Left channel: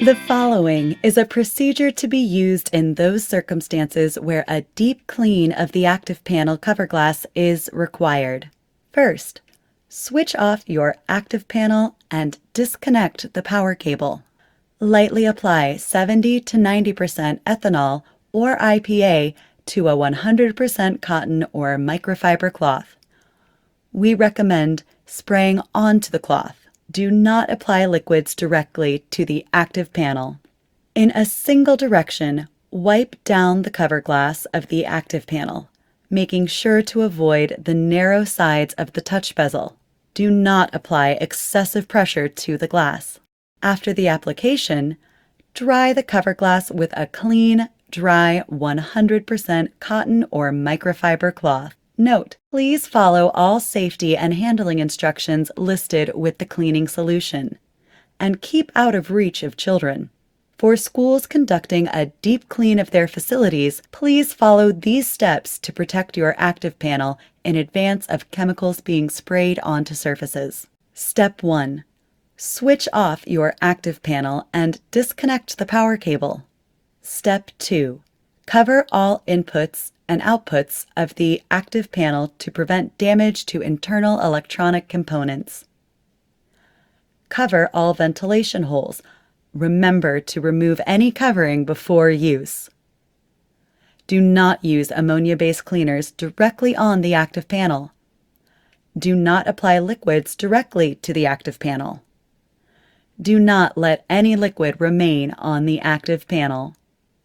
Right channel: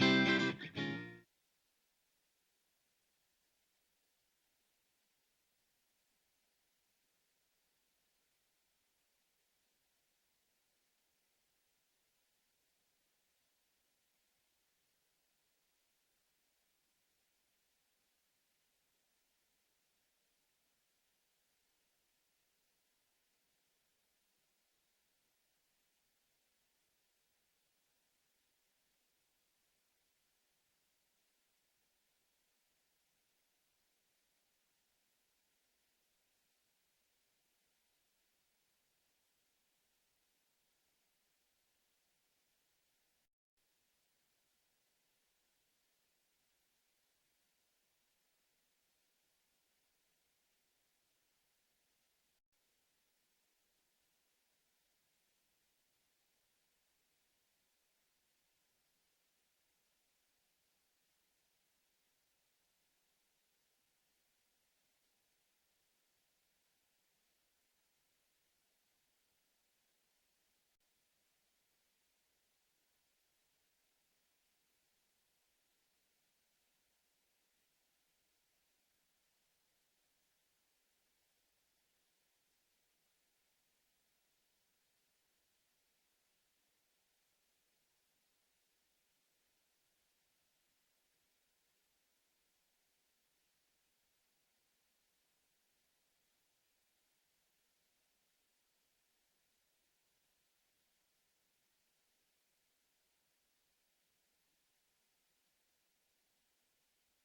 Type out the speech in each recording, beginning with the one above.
The following is a procedure to be used in those circumstances where a deep clean of the ActivPanel cover glass is required. First, switch off your ActivPanel and disconnect the power cable. Lightly apply 70 to 90% ethanol or IPA to a 100% cotton or microfiber cloth. We recommend spraying onto the cloth. Do not apply liquids directly to the ActivPanel. In a single direction, wipe down the cover glass of the ActivPanel, making sure to avoid the narrow sides of the touch bezel. Do not apply excessive pressure to the glass. After the application, dry the cover glass with a clean, dry 100% cotton or microfiber cloth. Note: please follow all safety and handling instructions listed with the cleaning solution, and keep out of reach of children. For schools conducting a deep clean of their facilities, please follow these steps to protect your ActivPanel in advance of chemicals being sprayed onto surfaces. Step 1. Switch off your ActivPanel and disconnect the power cable. Step 2. Cover all inputs and outputs of the ActivPanel to prevent damage to internal electronic components. Cover all ventilation holes. Remember to remove any covering before use. Do not use ammonia-based cleaners directly on the ActivPanel. Do not apply liquids directly to the ActivPanel. Do not let any liquid remain on the ActivPanel.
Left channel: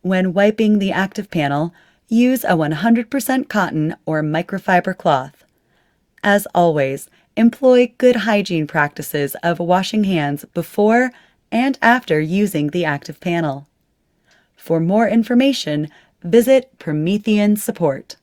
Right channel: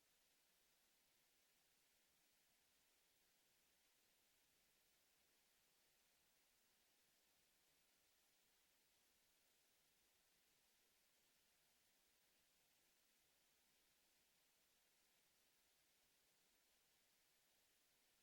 When wiping the ActivPanel, use a 100% cotton or microfiber cloth. As always, employ good hygiene practices of washing hands before and after using the ActivPanel. For more information, visit Promethean Support.